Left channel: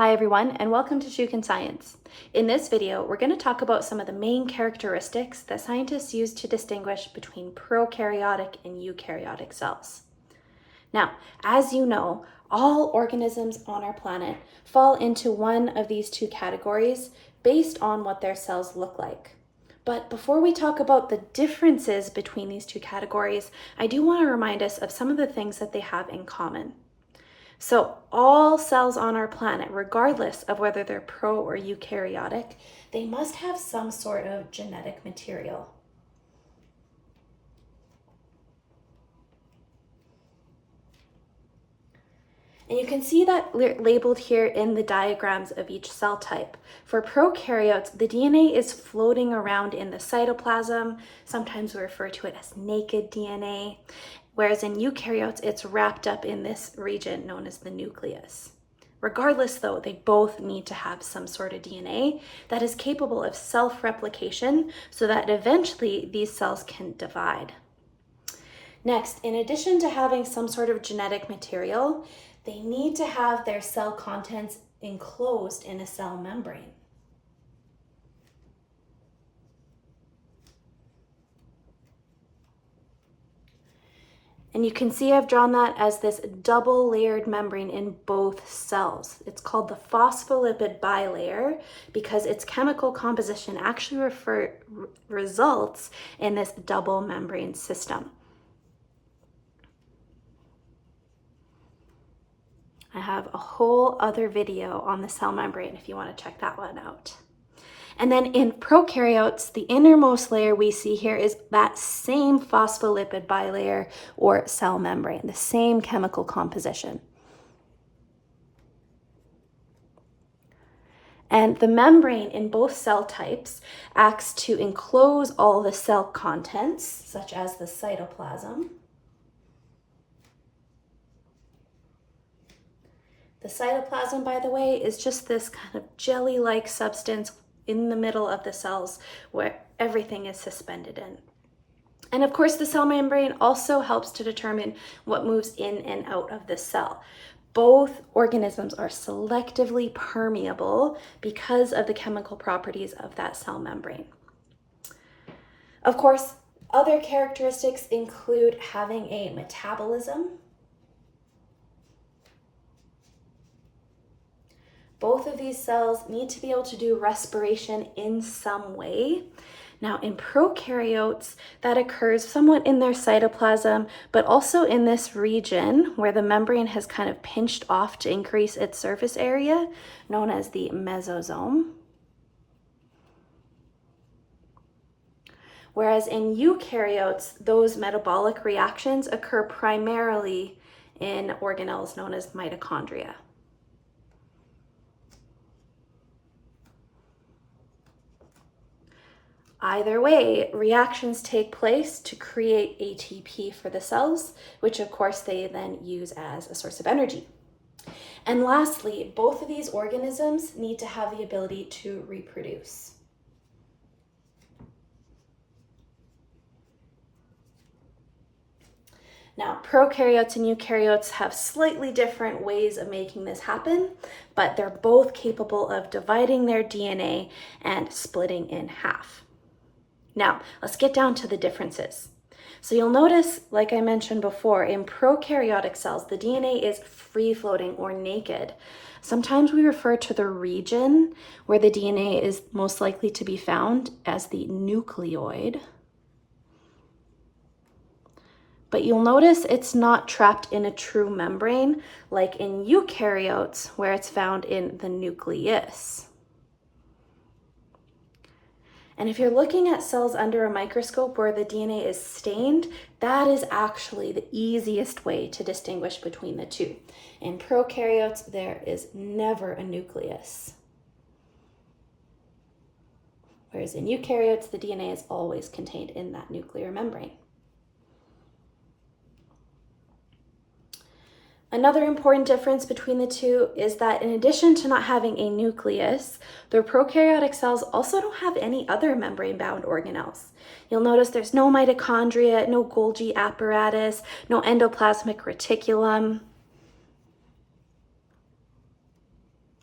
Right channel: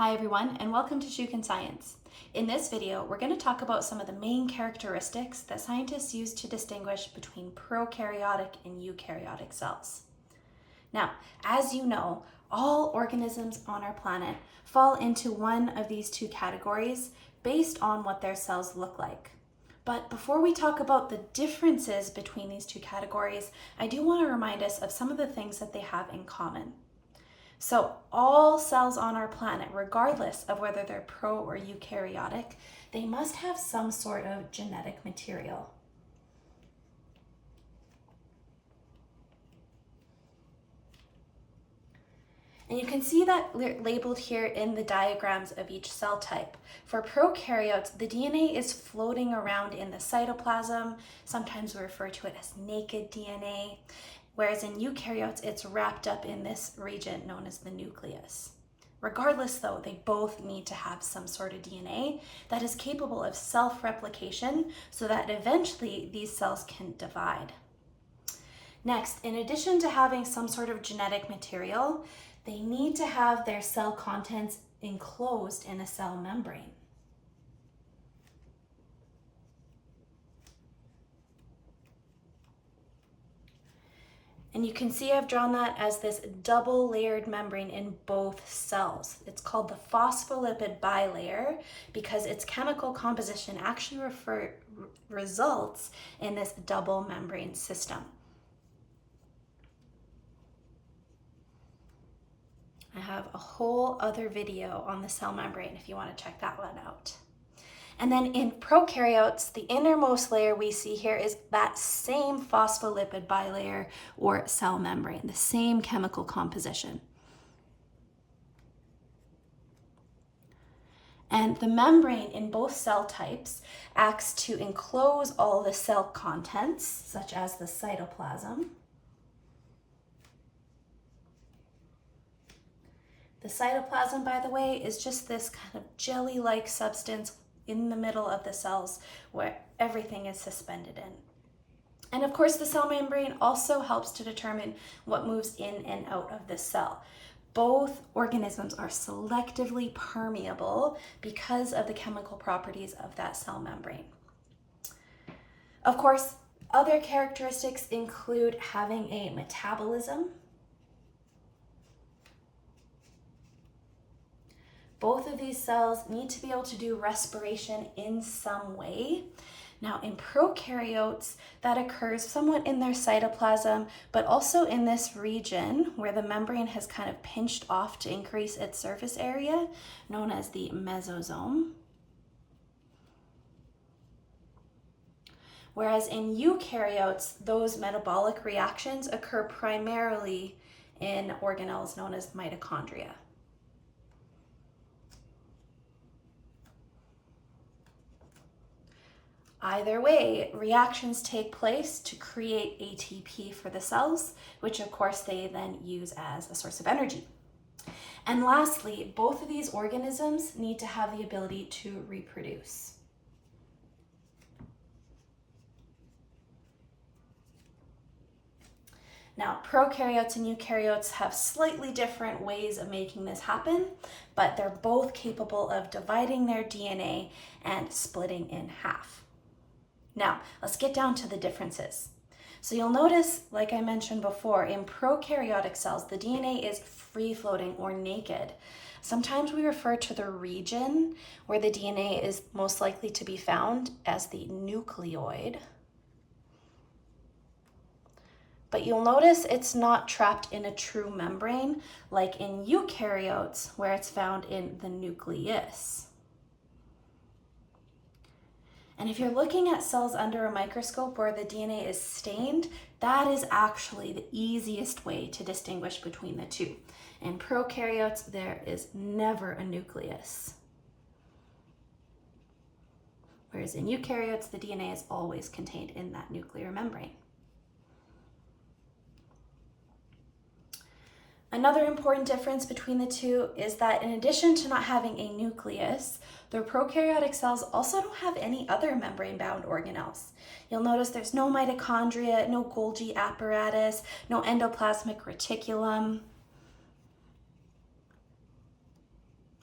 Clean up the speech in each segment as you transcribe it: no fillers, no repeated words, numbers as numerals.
Hi everyone, and welcome to Shukin Science. In this video, we're going to talk about some of the main characteristics that scientists use to distinguish between prokaryotic and eukaryotic cells. Now, as you know, all organisms on our planet fall into one of these two categories based on what their cells look like. But before we talk about the differences between these two categories, I do want to remind us of some of the things that they have in common. So all cells on our planet, regardless of whether they're pro or eukaryotic, they must have some sort of genetic material. And you can see that labeled here in the diagrams of each cell type. For prokaryotes, the DNA is floating around in the cytoplasm. Sometimes we refer to it as naked DNA. Whereas in eukaryotes, it's wrapped up in this region known as the nucleus. Regardless though, they both need to have some sort of DNA that is capable of self-replication so that eventually these cells can divide. Next, in addition to having some sort of genetic material, they need to have their cell contents enclosed in a cell membrane. And you can see I've drawn that as this double layered membrane in both cells. It's called the phospholipid bilayer because its chemical composition actually results in this double membrane system. I have a whole other video on the cell membrane if you want to check that one out. And then in prokaryotes, the innermost layer we see here is that same phospholipid bilayer or cell membrane, the same chemical composition. And the membrane in both cell types acts to enclose all the cell contents, such as the cytoplasm. The cytoplasm, by the way, is just this kind of jelly-like substance in the middle of the cells where everything is suspended in. And of course, the cell membrane also helps to determine what moves in and out of the cell. Both organisms are selectively permeable because of the chemical properties of that cell membrane. Of course, other characteristics include having a metabolism. Both of these cells need to be able to do respiration in some way. Now in prokaryotes, that occurs somewhat in their cytoplasm, but also in this region where the membrane has kind of pinched off to increase its surface area, known as the mesosome. Whereas in eukaryotes, those metabolic reactions occur primarily in organelles known as mitochondria. Either way, reactions take place to create ATP for the cells, which of course they then use as a source of energy. And lastly, both of these organisms need to have the ability to reproduce. Now, prokaryotes and eukaryotes have slightly different ways of making this happen, but they're both capable of dividing their DNA and splitting in half. Now, let's get down to the differences. So you'll notice, like I mentioned before, in prokaryotic cells, the DNA is free-floating or naked. Sometimes we refer to the region where the DNA is most likely to be found as the nucleoid. But you'll notice it's not trapped in a true membrane, like in eukaryotes, where it's found in the nucleus. And if you're looking at cells under a microscope where the DNA is stained, that is actually the easiest way to distinguish between the two. In prokaryotes, there is never a nucleus. Whereas in eukaryotes, the DNA is always contained in that nuclear membrane. Another important difference between the two is that in addition to not having a nucleus, the prokaryotic cells also don't have any other membrane-bound organelles. You'll notice there's no mitochondria, no Golgi apparatus, no endoplasmic reticulum.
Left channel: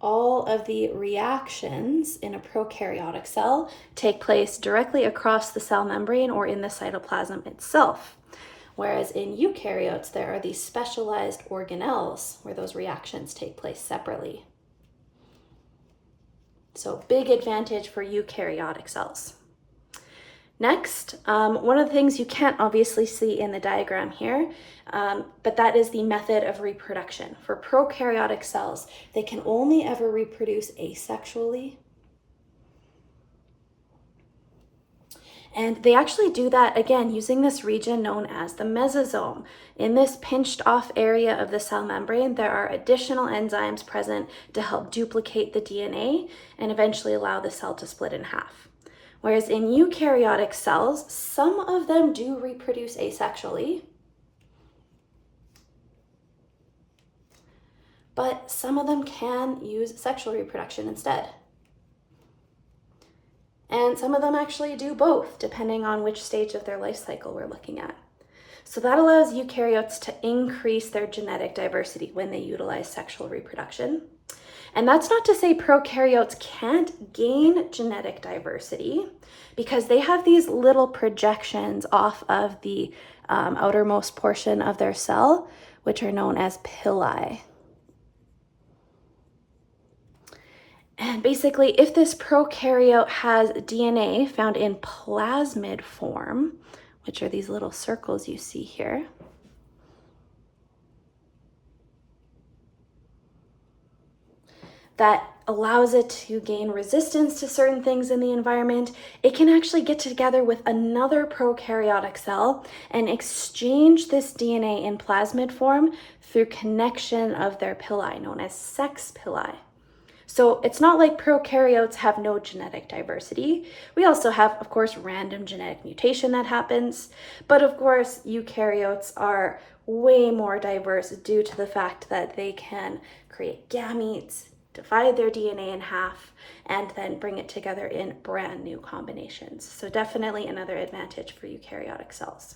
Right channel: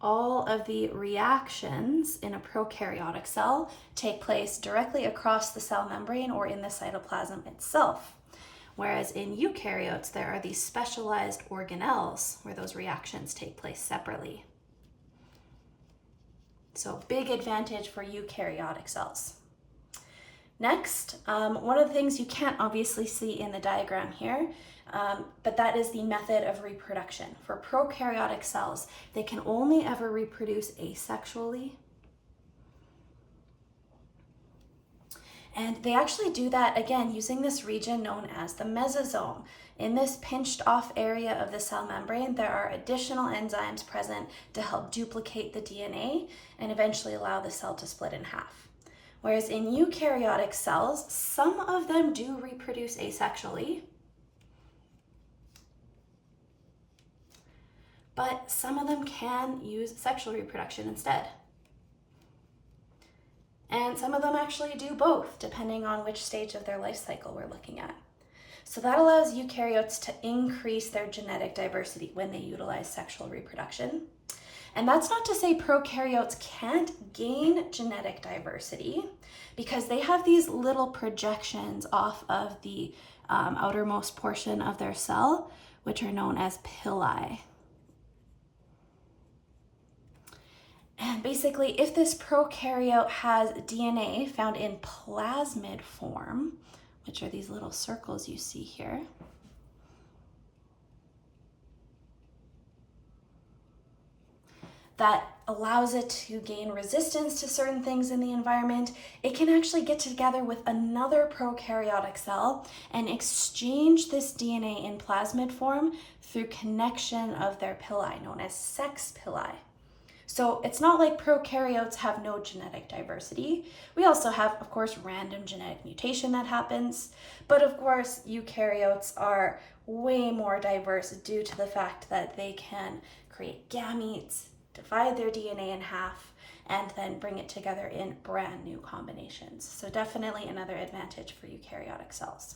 all of the reactions in a prokaryotic cell take place directly across the cell membrane or in the cytoplasm itself. Whereas in eukaryotes, there are these specialized organelles where those reactions take place separately. So big advantage for eukaryotic cells. Next, one of the things you can't obviously see in the diagram here, but that is the method of reproduction. For prokaryotic cells, they can only ever reproduce asexually. And they actually do that, again, using this region known as the mesosome. In this pinched off area of the cell membrane, there are additional enzymes present to help duplicate the DNA and eventually allow the cell to split in half. Whereas in eukaryotic cells, some of them do reproduce asexually, but some of them can use sexual reproduction instead. And some of them actually do both, depending on which stage of their life cycle we're looking at. So that allows eukaryotes to increase their genetic diversity when they utilize sexual reproduction. And that's not to say prokaryotes can't gain genetic diversity, because they have these little projections off of the outermost portion of their cell, which are known as pili. And basically, if this prokaryote has DNA found in plasmid form, which are these little circles you see here, that allows it to gain resistance to certain things in the environment, it can actually get together with another prokaryotic cell and exchange this DNA in plasmid form through connection of their pili, known as sex pili. So it's not like prokaryotes have no genetic diversity. We also have, of course, random genetic mutation that happens, but of course, eukaryotes are way more diverse due to the fact that they can create gametes, divide their DNA in half, and then bring it together in brand new combinations. So definitely another advantage for eukaryotic cells.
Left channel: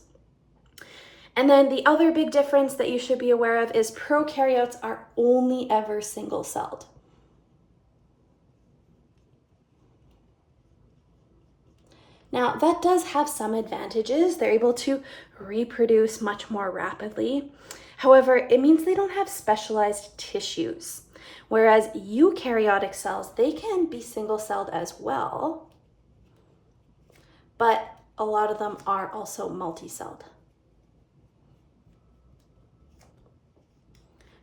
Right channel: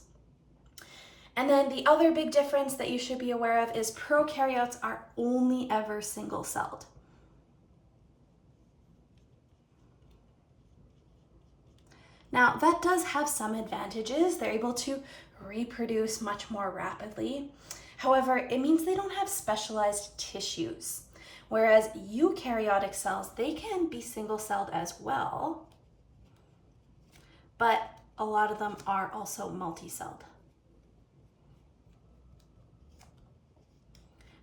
And then the other big difference that you should be aware of is prokaryotes are only ever single-celled. Now, that does have some advantages. They're able to reproduce much more rapidly. However, it means they don't have specialized tissues. Whereas eukaryotic cells, they can be single-celled as well, but a lot of them are also multi-celled.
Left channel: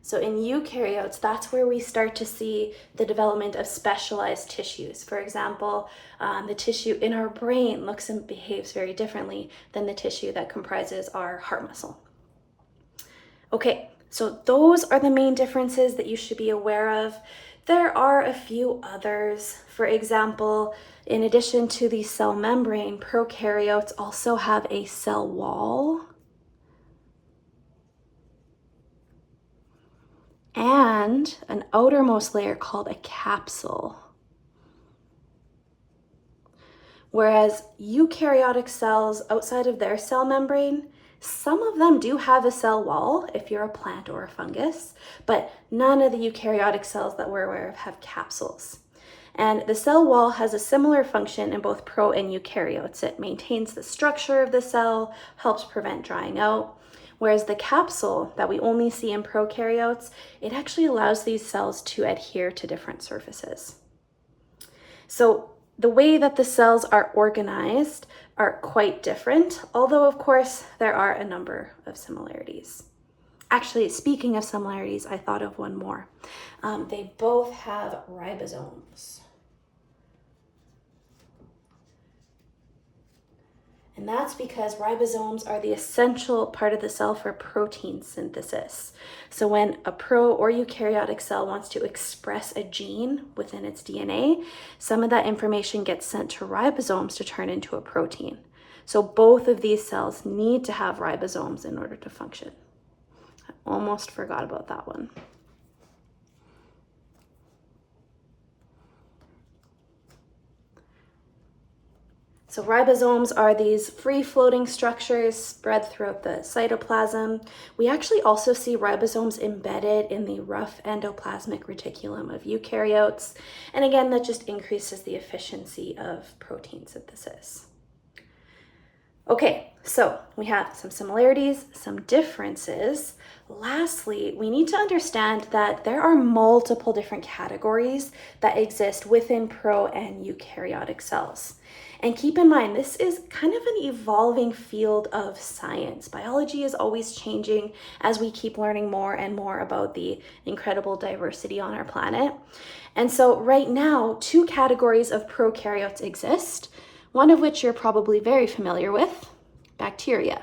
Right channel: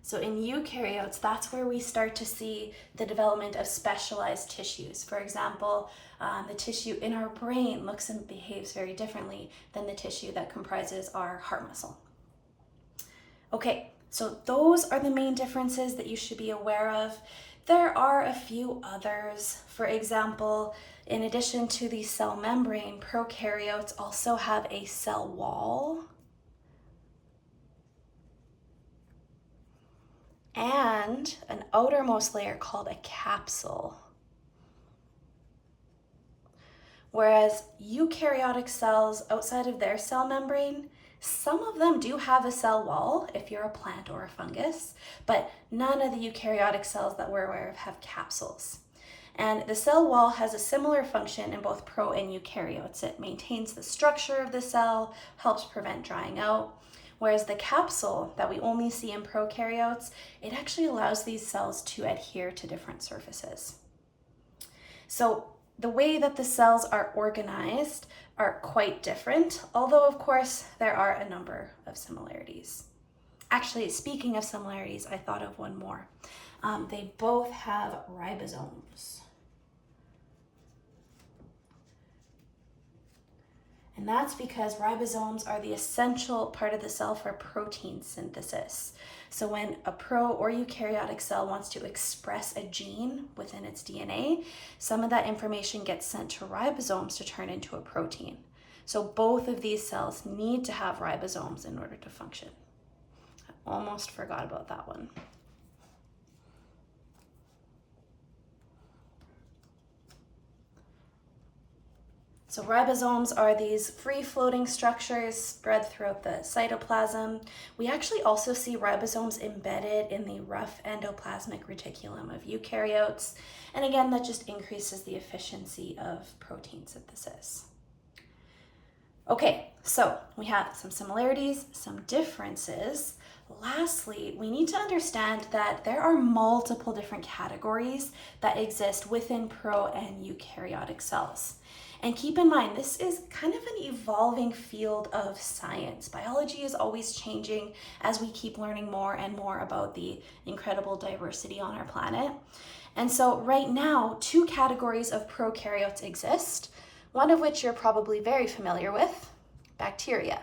So in eukaryotes, that's where we start to see the development of specialized tissues. For example, the tissue in our brain looks and behaves very differently than the tissue that comprises our heart muscle. Okay, so those are the main differences that you should be aware of. There are a few others. For example, in addition to the cell membrane, prokaryotes also have a cell wall and an outermost layer called a capsule. Whereas eukaryotic cells outside of their cell membrane, some of them do have a cell wall if you're a plant or a fungus, but none of the eukaryotic cells that we're aware of have capsules. And the cell wall has a similar function in both pro and eukaryotes. It maintains the structure of the cell, helps prevent drying out. Whereas the capsule that we only see in prokaryotes, it actually allows these cells to adhere to different surfaces. So the way that the cells are organized are quite different, although of course there are a number of similarities. Actually, speaking of similarities, I thought of one more. They both have ribosomes. And that's because ribosomes are the essential part of the cell for protein synthesis. So when a pro or eukaryotic cell wants to express a gene within its DNA, some of that information gets sent to ribosomes to turn into a protein. So both of these cells need to have ribosomes in order to function. I almost forgot about that one. So ribosomes are these free-floating structures spread throughout the cytoplasm. We actually also see ribosomes embedded in the rough endoplasmic reticulum of eukaryotes. And again, that just increases the efficiency of protein synthesis. Okay, so we have some similarities, some differences. Lastly, we need to understand that there are multiple different categories that exist within pro and eukaryotic cells. And keep in mind, this is kind of an evolving field of science. Biology is always changing as we keep learning more and more about the incredible diversity on our planet. And so right now, two categories of prokaryotes exist, one of which you're probably very familiar with, bacteria.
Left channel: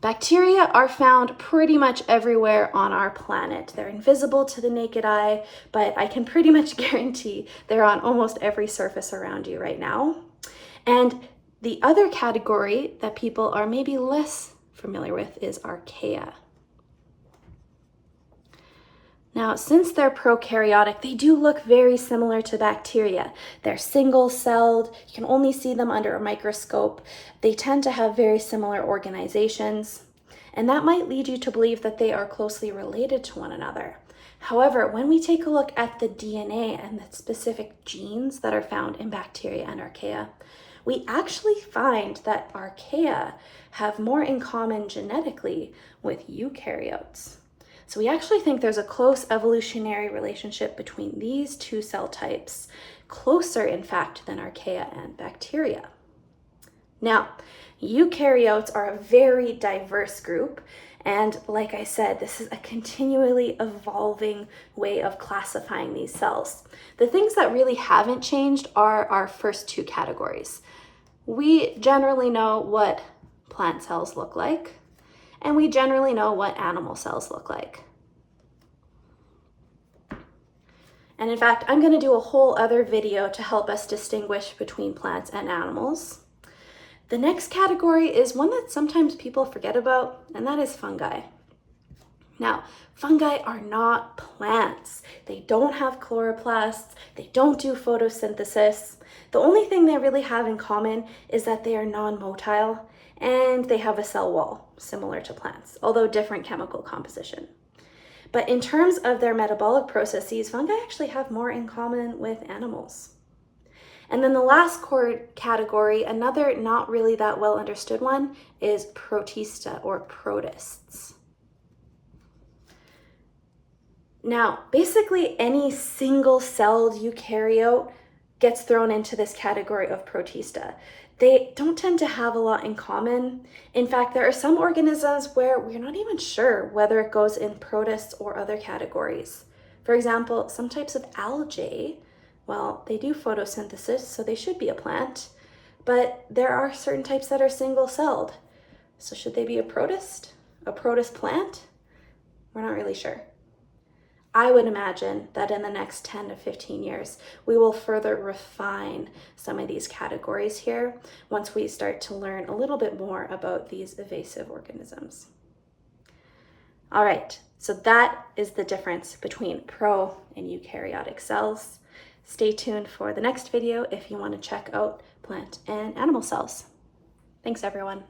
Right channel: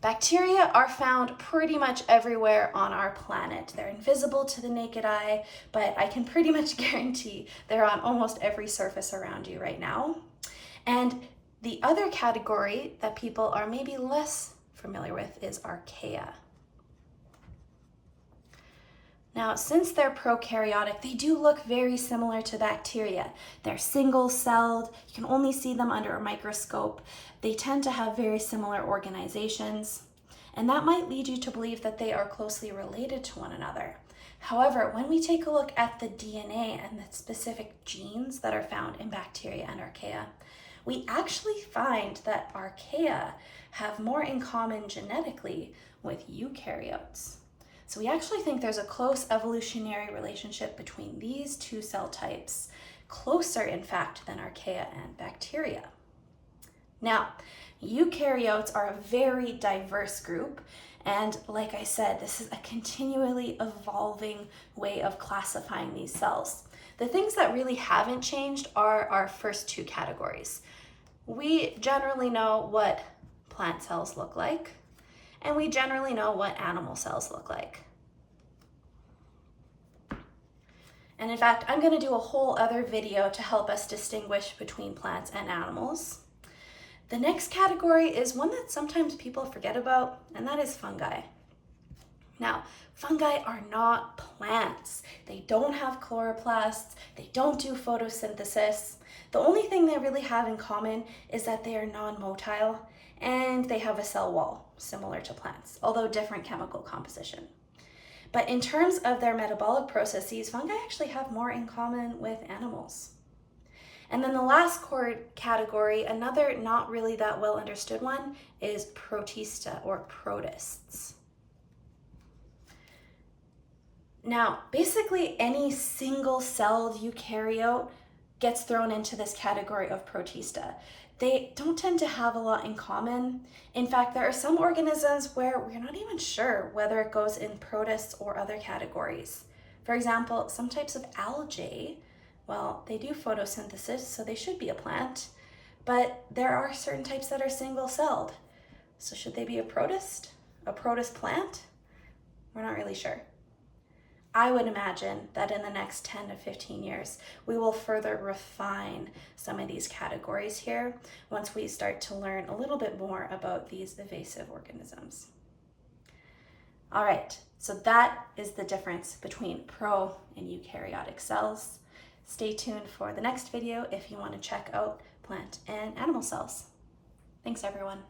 Bacteria are found pretty much everywhere on our planet. They're invisible to the naked eye, but I can pretty much guarantee they're on almost every surface around you right now. And the other category that people are maybe less familiar with is archaea. Now, since they're prokaryotic, they do look very similar to bacteria. They're single-celled, you can only see them under a microscope. They tend to have very similar organizations, and that might lead you to believe that they are closely related to one another. However, when we take a look at the DNA and the specific genes that are found in bacteria and archaea, we actually find that archaea have more in common genetically with eukaryotes. So we actually think there's a close evolutionary relationship between these two cell types, closer in fact than archaea and bacteria. Now, eukaryotes are a very diverse group, and like I said, this is a continually evolving way of classifying these cells. The things that really haven't changed are our first two categories. We generally know what plant cells look like, and we generally know what animal cells look like. And in fact, I'm going to do a whole other video to help us distinguish between plants and animals. The next category is one that sometimes people forget about, and that is fungi. Now, fungi are not plants. They don't have chloroplasts, they don't do photosynthesis. The only thing they really have in common is that they are non-motile and they have a cell wall, similar to plants, although different chemical composition. But in terms of their metabolic processes, fungi actually have more in common with animals. And then the last core category, another not really that well understood one, is protista or protists. Now, basically any single-celled eukaryote gets thrown into this category of protista. They don't tend to have a lot in common. In fact, there are some organisms where we're not even sure whether it goes in protists or other categories. For example, some types of algae, well, they do photosynthesis, so they should be a plant, but there are certain types that are single-celled. So should they be a protist plant? We're not really sure. I would imagine that in the next 10 to 15 years, we will further refine some of these categories here once we start to learn a little bit more about these evasive organisms. All right, so that is the difference between pro and eukaryotic cells. Stay tuned for the next video if you want to check out plant and animal cells. Thanks, everyone.